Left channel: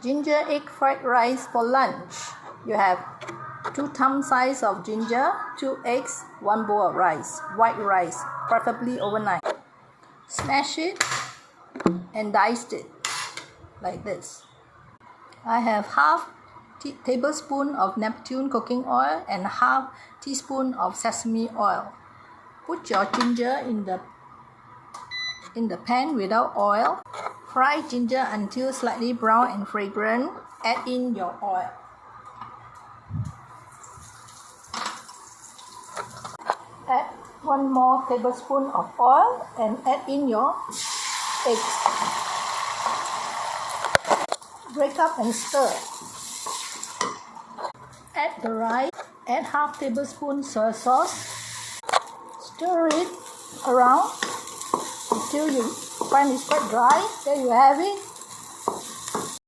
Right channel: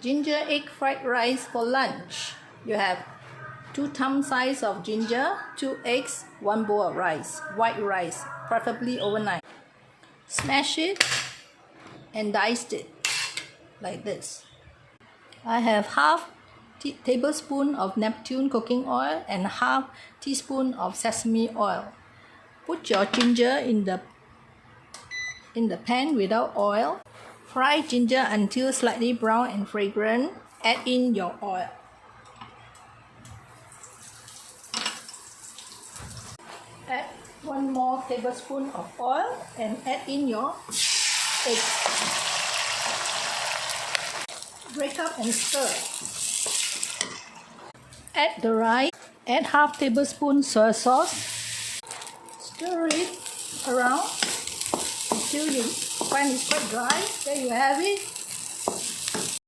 Ginger egg fried rice for lunch. You have 2 thumb size of ginger, 2 eggs, 1 bowl of rice, white rice, preferably overnight. Smash it and dice it like this. I have half tablespoon of Neptune cooking oil and half teaspoon of sesame oil. Put your ginger in the pan without oil. Fry ginger until slightly brown and fragrant. Add in your oil. Add 1 more tablespoon of oil and add in your eggs. Break up and stir. Add the rice. Add half tablespoon soy sauce. Stir it around until you find it quite dry. There you have it.